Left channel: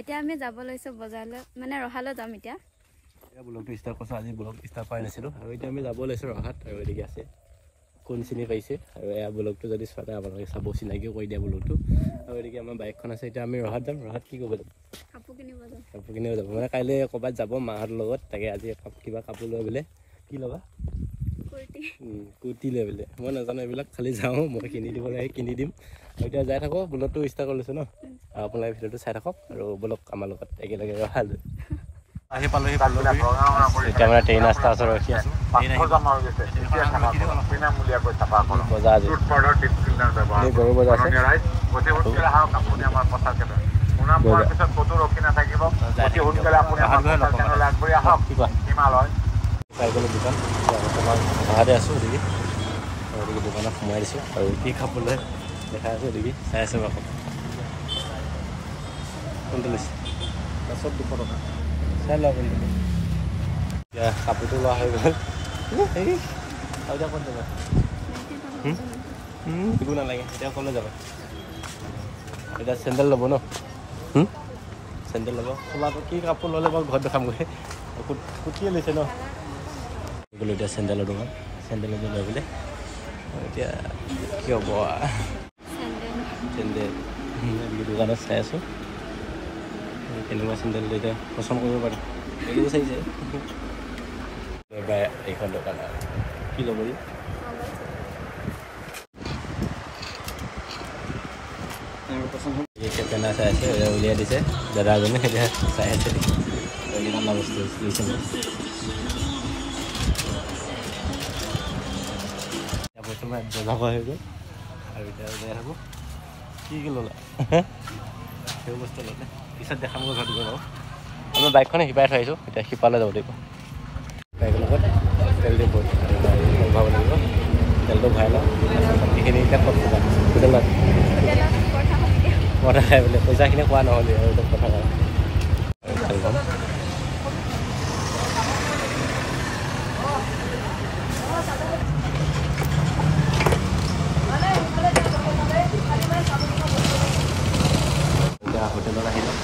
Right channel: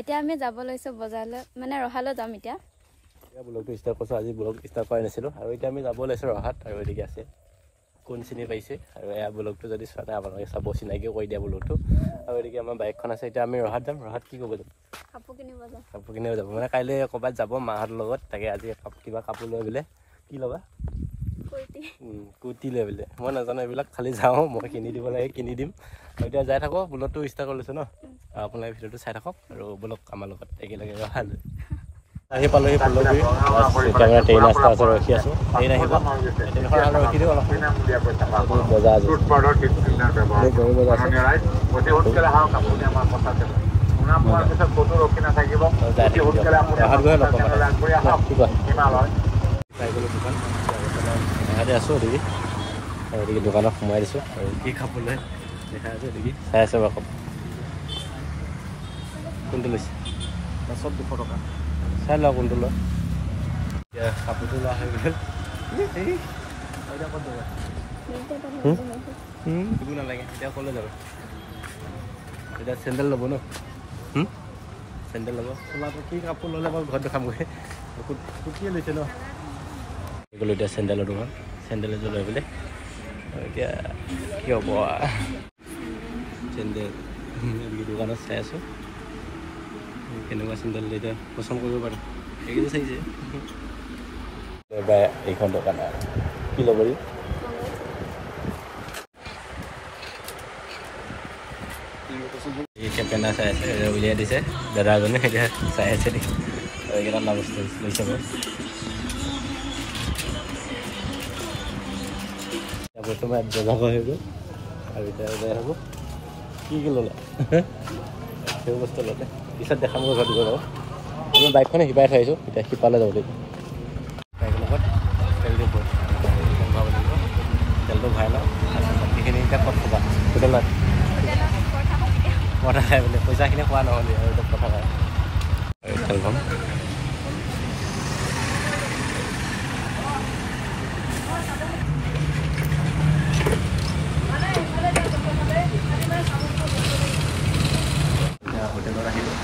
এতিয়া আমি যাব লৈছো বজাৰলৈ মানে ৰহালৈ যাম এতিয়া ব্লগটো ষ্টাৰ্ট কৰিছোঁ আজি ব্লগ ষ্টাৰ্ট কৰা নাছিলোঁ আৰু এতিয়া আমি যাব লৈছোঁ ৰহাত আৰু এদিকে আছে কোন চিনি পাইছে আৰু এয়া ব্লগটো যদি চোৱা নাই আপোনালোকে চাব চিনাকিও কৰি দিয়া ব্লগটো আৰু এদিকে আমাৰ বাইকখন আছে এতিয়া আমি ৰহাত যাম ৰহাত কি কৰিব যাম কাপোৰ কিনিব যাব মানে কাইলৈ ক'ৰবাত যাব মাহঁতৰ লগত তাকে আজি কিবা কাপোৰ লৈ বোলে কি ল'বা কুৰ্তি লৈ বোলে মই নাজানো এইবিলাক খালি যাওঁ মই কিনি দিব লাগে কিনি দিম আৰু এতিয়া যাই থাকোঁ ব্লগটো ষ্টাৰ্ট কৰি লৈছোঁ ন আৰু আপোনালোকে ভিডিঅ'টো চাই থাকক আৰু ব্লগ আমাৰ লগত একেলগে ৰহালৈ আহি পালোহি ফুলগুৰি এতিয়া মানে ট্ৰেইন ৰাস্তা আছে ৰখি আছোঁ ট্ৰেইন আহিব ট্ৰেইনখন আৰু ৰখি দিওঁ অলপ বজাৰ আজি গৰু বজাৰ আছে ৰহাত গৈ লগ কি কোৱা পাই গ'লোঁ দোকান বৰ্তমান ৰহাতে আছোঁ এদিকে আৰু এদিকে দোকানত সোমাই দিছোঁ আৰু কি কাপোৰ লৈ দেখাই আছোঁ এদিকে চাই আছোঁ বাৰু কাপোৰ কোনটো লৈছে 200 টকা চাই লোৱা কোনটো লয় এতিয়া কাপোৰটো লোৱা হৈ গ'ল আৰু এতিয়া ক'ত যাবা একো নালাগে এতিয়া ক'লৈ যাবা এতিয়া চেণ্ডেল ল'ব ন চেণ্ডেল ল'ব চোলাটো কি কাপোৰ ল'লে বাৰু ঘৰত দেখামগৈ কুৰ্তিয়ে লৈছে ন গ'লোঁ এতিয়া চেণ্ডেলৰ দোকান চেণ্ডেল এযোৰ লৈ পেলাই এতিয়া কি হ'ব চেণ্ডেল দোকানত চাই আছোঁ কেনেকুৱা চেণ্ডেল এতিয়া পচন্দ কৰিব পাৰি এইকেইযোৰ চাইছে এইখন দোকান কি ল'ব কেনা চাই আছে উলিয়াই দিছে দাদাজনে এতিয়া চাই আছে দেখি আৰু এইকেইটা না বস্তু লৈছে মই বৰ্তমান বজাৰ হৈ গ'ল আৰু এতিয়া ওলাই থাকোঁ কি ল'লা সেইবোৰ বস্তু ল'লে পিছত দেখাম গৈ ঘৰত গৈ বাৰু আমি বাইকখনে শিপাই থৈ আহিছোঁ এতিয়া শিপালৈ যাব লাগিব বাইকৰ লগত তেল দি ভৰাব লাগিব তেলটো ভৰাই লওঁ বাকীখিনি এতিয়া ক'ত ক'বা হোটেলত পৰঠা খাই বোলে পইচাখিনি খোৱা নহ'লে আৰু এতিয়া পৰঠা খাই তেল পাম হোটেলত আহিলোঁ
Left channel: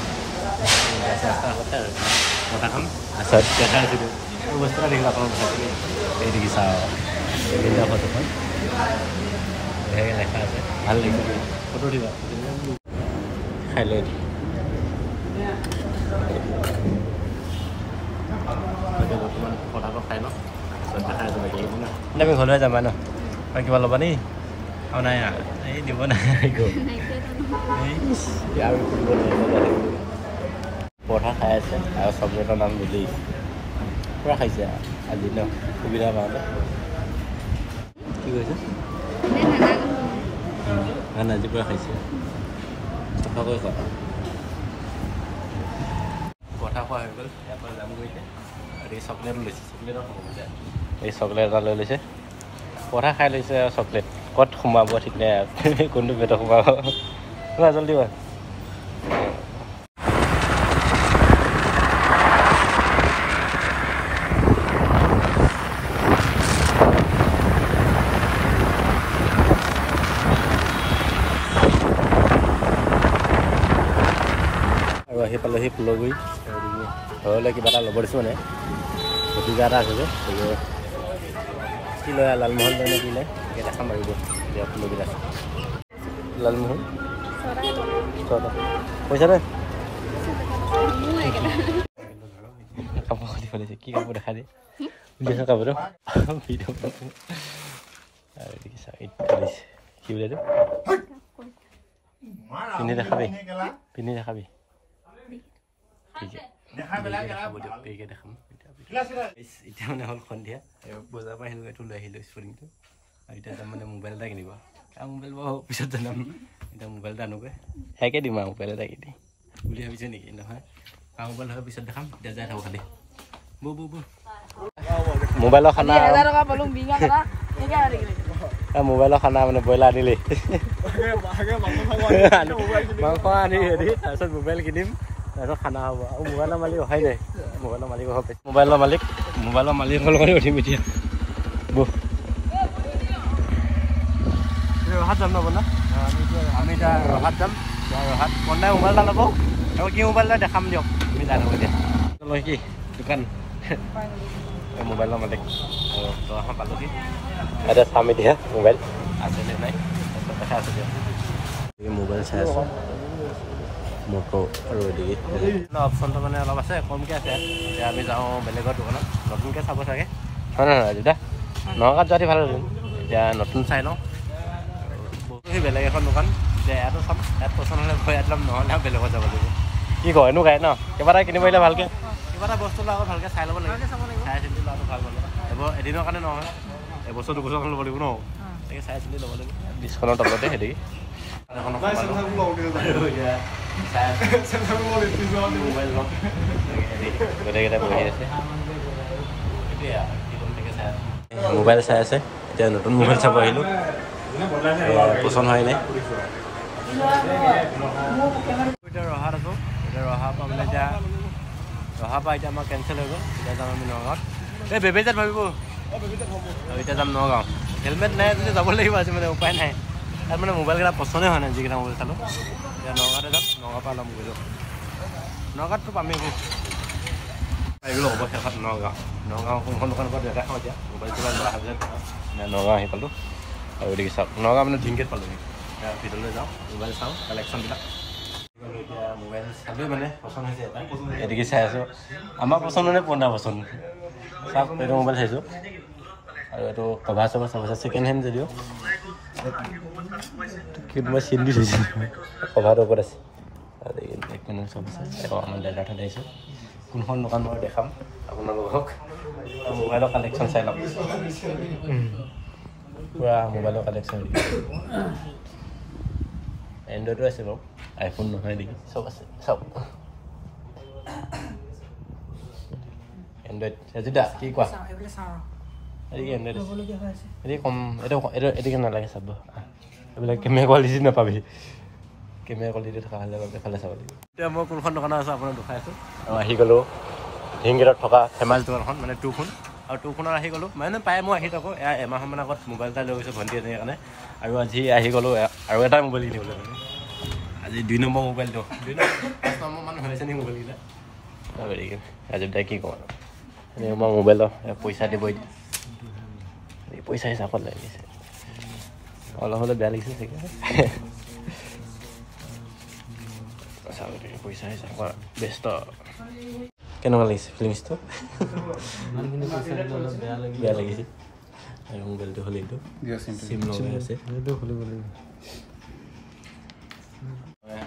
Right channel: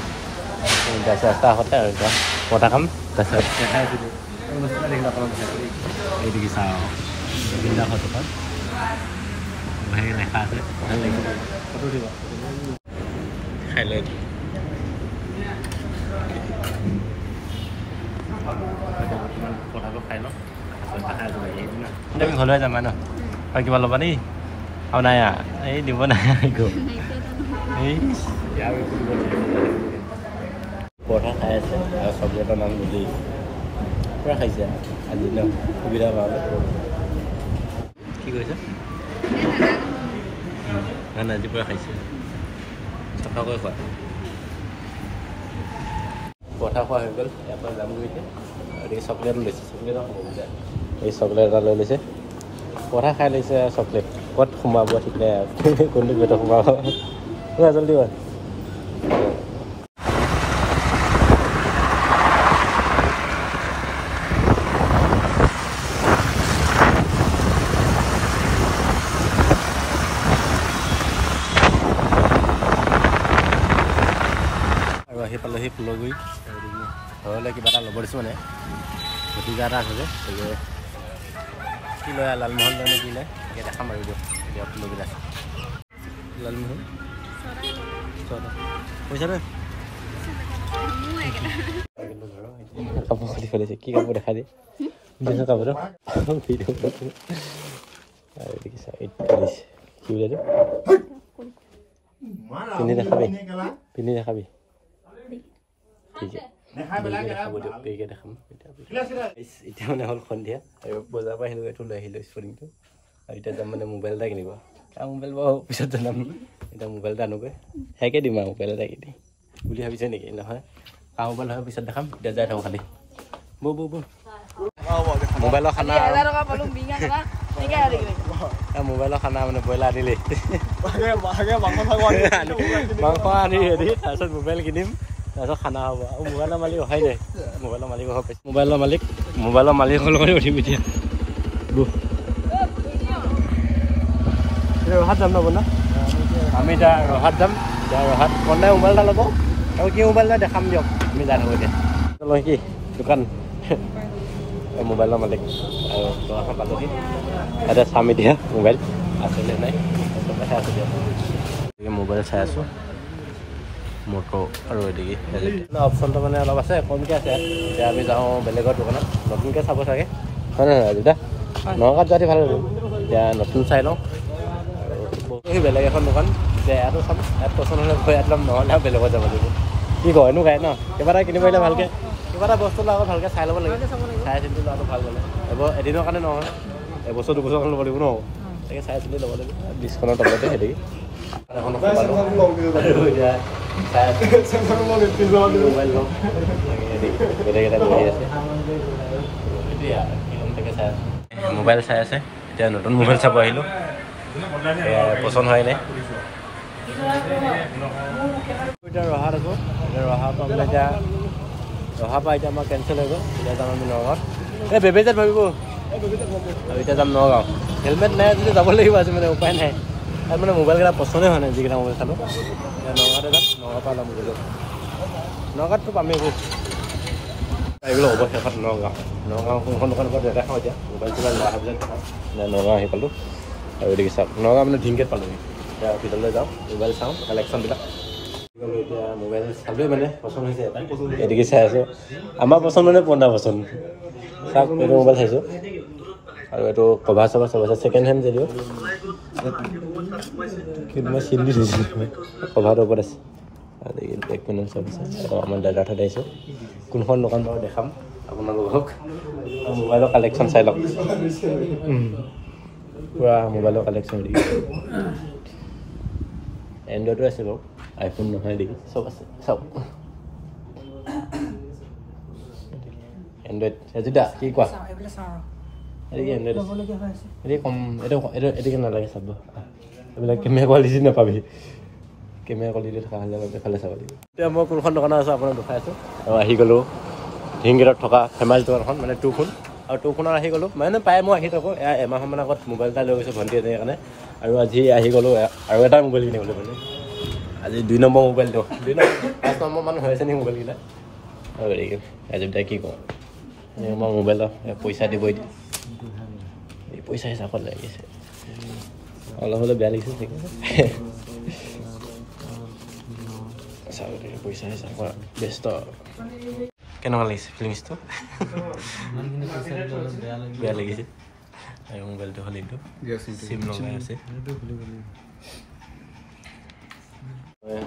ৰাস্তা আহোঁতে আৰু এতিয়া পৰঠা খাম তাৰপিছত দেখাই আছিলোঁ আৰু বস্তু এটা দেখিলোঁ আপোনালোক দেখাইছিলোঁ এই দেখিছা আৰু এইবিলাক হোটেলখন বঢ়িয়াকৈ লেখা আছে ভাল লাগিছে ফটো উঠিবা খাই লৈ এতিয়া বৰ্তমান পৰঠাটো খাই লওঁ তাৰপিছত দেখাই আছোঁ আমি ঘৰলৈ যাম ন আৰু কিবা ল'বা নেকি আৰু নাই এই দিব নাই আৰু পৰঠা খাই আছে আৰু চকলেটৰ নাম বুলি পূৰা খাইছে আজি ন সুবিধা পালে কি কৈছে নাই আজি পূৰা খাইছে চফাকৈ খোৱা পৰঠা খোৱা হৈ গ'ল ইয়াৰ পৰা যাম গৈছে আৰু এই চকলেট লৈছে চকলেটৰ খাব বুজা এই চকলেট এটা লৈ লৈছে পৰঠা খাই লৈছে আৰু চকলেট ক'ত সোমাব ঠিক নাই কোনটো পেটত সোমাব জলদি বা আৰু আহি পালোহি ফুলগুৰি ঘৰলৈ কিবা এটা ল'ব দিছোঁ মানে ভতিজা এটা আছে যে কি লয় লালমোহন লয় নে কি লয় এতিয়া দেখাম আৰু এতিয়া ফুলগুৰিত আছে লালমোহন পইচা দে কাপোৰ খুলি ফেলিছে কি কাপোৰ দেখা দিয়ে কাপোৰটো আৰু দেখিছা কি বোলে পিন্ধি দেখাবি ঠিক দেখাব দিয়ক পেকে দেখাম এতিয়া মানে হ'ল সন্ধিয়া আৰু বজাৰৰ পৰা আহিলোঁ এইটো লৈ আহিলোঁ স্পৰ্টিংটো আৰু এতিয়া যাম মানে মোবাইল এটা কিনিব আৰু মোবাইল বাৰু পিছত জনাম এতিয়া মোবাইল এটা আনোগৈ সেয়াকে দিম আৰু মোবাইল এটা কিনি বুলি ভাবিছে নেকি নহয় আৰু মোবাইল হয় পিছত দেখাম এতিয়া যাই থাকোঁ খালি বৌ মোবাইলৰ খানা মোবাইলৰ খানা মানে ব্ৰইলাৰ আনিলেই মাংস আনি হেৰি তাৰপিছত মোবাইল কিনিম তাৰপিছত খানা হ'ব আৰু মোবাইলৰ মালিক অহাই নাই মোবাইলৰ মালিক অহা পাইছে মোবাইলৰ মালিকৰ লগত উঠিম এতিয়া ৰহাত যাম ন বন্ধা আমি এতিয়া ৰহাত যাম ৰহাত বন্ধাই মোবাইল এটা ল'ব আৰু কি মোবাইল লয় দেখাম দিয়ক আমি যাই থাকোঁ এতিয়া লয় কি দোকান মোবাইলৰ মালিক আৰু দোকানখন পালোহি এতিয়া চাম এতিয়া মোবাইল আছেনে নাই তাৰপিছত দেখাই আছোঁ দিয়ক গতিকে মোবাইল চাই আছোঁ মটো আৰু এদিকে অপশ্যনটো মানে অলপ আছে কমকৈ আছে এতিয়া আমি যাওঁ বেলেগৰ দোকানত নতুনকৈ চাব চাগে হয় নহয় আজিতা নগাঁৱত যোৱাটো ভাল হ'ল এতিয়া নতুন চাই লওঁ আৰু বেলেগ এখন দোকান এতিয়া ইয়াতো চাম ইয়াত পচন্দ হ'লে গৈ ইয়াত ল'ম নহ'লে আৰু বেলেগত যাব লাগিব কি কয় এনেও গাই ন কিবা এটা কিনিব আহিলে ভালকৈ কিবা এটা বস্তু লোৱা আগত ভালকৈ চাই ল'ব লাগে চাই চিন্তি লোৱাটো ভাল মানে এদিনৰ কাৰণে নহয় এবছৰ দুবছৰ কাৰণে ল'ব লাগিব ন তাকে চাই চিন্তি ল'ব লাগিব 20খনৰ তলতে সেইদি এখন মোবাইল ল'ম গোটেইকেইটা বহি আছে মোবাইল চাই আছে এতিয়া নতুন মোবাইল চাব আহিলোঁ পচন্দ হয় নাই এতিয়া ৰহাত আছোঁ এতিয়া ৰহাৰ পৰা মানে এতিয়া ৰহাৰ পৰা এতিয়া আমাৰ কেঞ্চেল হৈ গ'ল এতিয়া যাম আমি নগাঁৱত এই বেবেজাত ভাবিব আৰু এতিয়া যাম নগাঁও হেলমেট নাই যদি যাব লাগিব আজি মানে উপায় নাই তাত মানে মোবাইলকেইটা পচন্দে হোৱা নাই যিকেইটা মোবাইল চালোঁ এতিয়া নগাঁৱতে যাম নগাঁৱৰ পৰা ল'ম গ'লোঁ নগাঁৱততো পামেই এইবোৰ এইগুলো হ'ব শেষত নগাঁও কোনখন দোকানৰ পৰা দেখাওঁ এতিয়া মোবাইল চোবাইল লোৱা পিছত নগাঁও আহি পালোঁ আৰু এদিকে চাওক নগাঁও মানে ধিংকেত পালোঁহি এতিয়া ভিতৰলৈ যাওঁ মোবাইল চাওঁ কালেকশ্যনবিলাক এতিয়া মোবাইল চালোঁৱে মানে পচন্দ হৈছে এটা এদিকে চাই আছোঁ আমাৰ পচন্দ মানে 15% চাওক এইটো মোবাইল চাইছোঁ আৰু এইটো কভাৰ চভাৰ চব আছে ছেকেণ্ড হেণ্ড যদিও কিন্তু মই চিন দি থৈছোঁ কভাৰটোৰ ওপৰত আছে বেক পেনেল চব আছে আকৌ আমাৰ দাদাৰ ঠাইত আহিছোঁ কোনখন দোকান বাৰু দেখাম আপোনালোকক মোবাইলৰ কালেকশ্যন চাই লওক পুৰা মোবাইলৰ কালেকশ্যন দি এণ্ড্ৰইডো আছে বাৰু আইফোন নহয় দেখি চব আছে চব এণ্ড্ৰইড আজিদা কি কোৱা এদিকে এণ্ড্ৰইড এদিকে কম এদিকে নালাগে চাব এইবিলাক কেমেৰা কোৱালিটি নাপাবি কেমেৰা কোৱালিটি থকা হ'লে এইফালে চাব লাগিব এতিয়া মই কোনখন দোকানত আছোঁ আপোনাক দেখাই আছোঁ আৰু আহি গ'লোঁ ধিংগিৰত থকা হিমাল দোকানখন মানে টুখন আৰু টুখনত আহি গ'লোঁ মানে প্ৰায় মই আহি থাকোঁ এয়া এমাহমান আগত মোবাইল এটা লৈ গৈছোঁ ভণ্টি এজনীৰ কাৰণে আৰু আজি আহি গ'লোঁ আৰু এটা মোবাইল কিনিবলৈ মানে আজি 2 নম্বৰ মোবাইলটো 2 নম্বৰ মানুহ হৈ আছে নেকি মোবাইলকেইটা আৰু হেৰি আজি তাই কি কওঁ মই মোবাইলৰ পইচা দিব এতিয়া এই পইচা হিচাপত লাগিছে অলপ হ'লে বেয়া লাগিছে চাগে চাউল পইচা হিচাপ ব্যস্ত কেনেকুৱা লাগিছে ফিলিংছটো বেয়া লাগিছে আৰু মোবাইলটো হ'লেইটো চিম লগাই আছে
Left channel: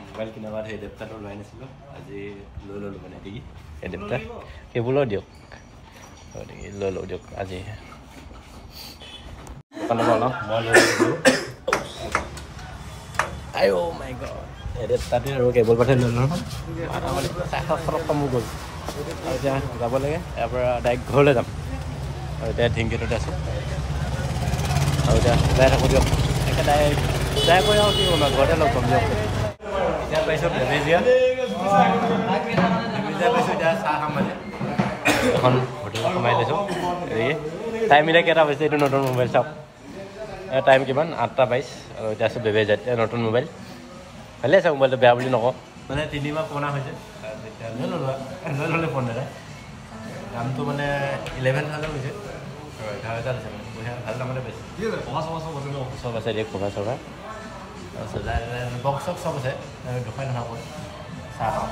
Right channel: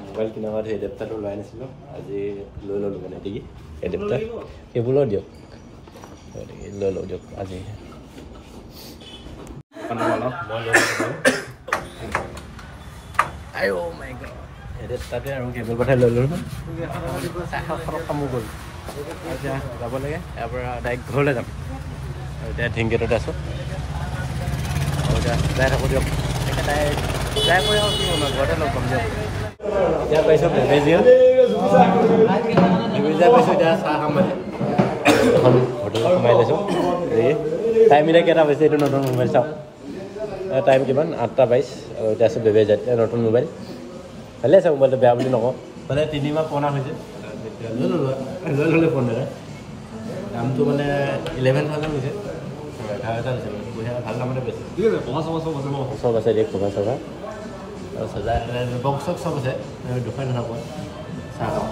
মোবাইল কিনাৰ বাদ এডেপ্টাৰটো লোৱাই নাছিলোঁ আজি লৈ ল'লোঁ মানে দেখি এডেপ্টাৰ সেইবোৰো দিয়ক লৈ লওঁ দিয়ক আজি আই অ' মাই গড এডেপ্টাৰতে আৰু কেবল কথা লৈ ল'লোঁ কামো গ'ল আৰু এতিয়া যাব লাগে ইয়াৰ পৰা ডাইৰেক্ট ঘৰলৈ যাম আৰু এতিয়া ধিংগেটতে আছোঁ আৰু এতিয়া যাই থাকোঁ দিয়ক একে ডাইৰেক্ট যাই কৰি আৰু কি হ'ল ঘৰতে লগ পাম দিয়ক এতিয়া পাইছোঁ বেবেজিয়া পাইছোঁ এতিয়া চাহ খাম মানে এখন হোটেলত সোমাই লৈছোঁ হেৰি টাইম এতিয়া কেইটা পাইছে এইটো নতুন মোবাইল চাওক টাইম কিমান 8:22 আৰু এতিয়া আছোঁ বেবেজিয়াত নতুন মোবাইল ভালে আছে মোবাইলটো বেয়া বুলি নকওঁ মানে 3 মাহ পুৰণা হৈছে লৈ ল'লে ফোন দাদা দামটো মানে 11,000 হৈছে 11,000 হৈছে পইচা ভাল দামতে পাইছে চব আছে এতিয়া কভাৰ চভাৰ বক্স চক চব আছে দুখাই নাথাকো চাহ খাওঁ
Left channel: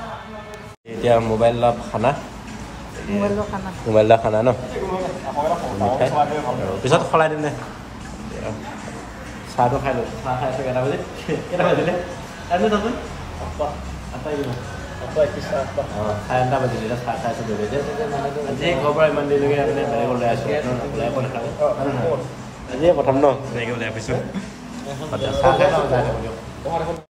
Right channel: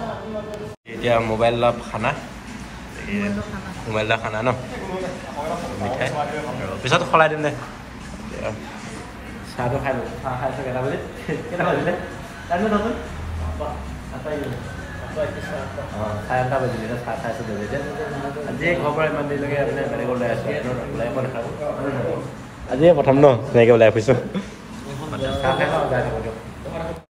এতিয়া মোবাইলৰ খানা মোবাইলৰ খানা ন মিঠাই আৰু পিছত সলাই দিম দে চাহটো খাই লৈছোঁ চাহ খাই আছোঁ কেইটা বাজিলে চাৰে 9 বাজিলে এতিয়া চাহ খাইছোঁ বেবেজিয়াত আজি ঘৰৰ পৰা ইমান দেৰিলৈকে মানে বেলেগ ওলাই আছোঁ ওলাই আকৌ নাথাকোঁ আজি প্ৰথম ন তেনেকৈ ওলাই ফুৰিছোঁ চাহ খাই লওঁ যাই থাকোঁ দিয়ক